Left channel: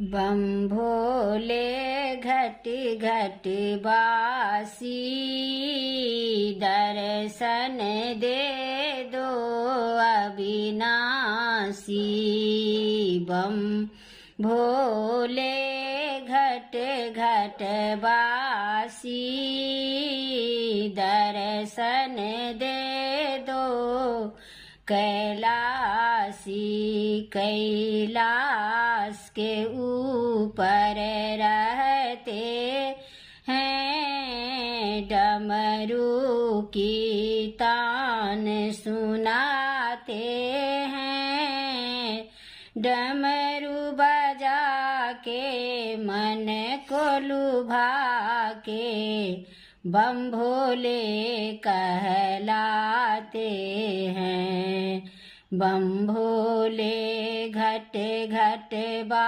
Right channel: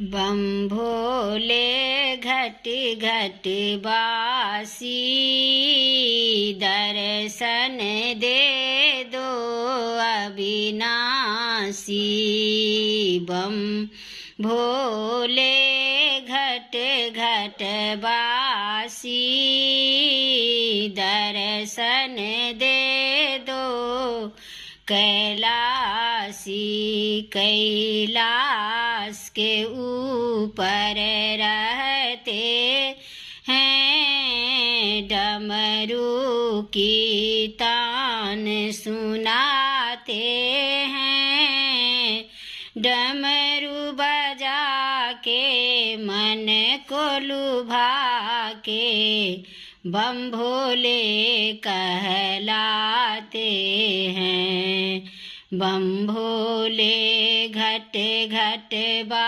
बम भोले घट घट बासी, दर्शन दे दो अविनाशी। बम भोले घट घट बासी, दर्शन दे दो कैलासी। कैलाश के ऊपर रहते हैं, डमरू की तान सुनाते हैं। डमरू बजा के मन को लुभा के, बम भोले कहलाते हैं। बम भोले घट घट बा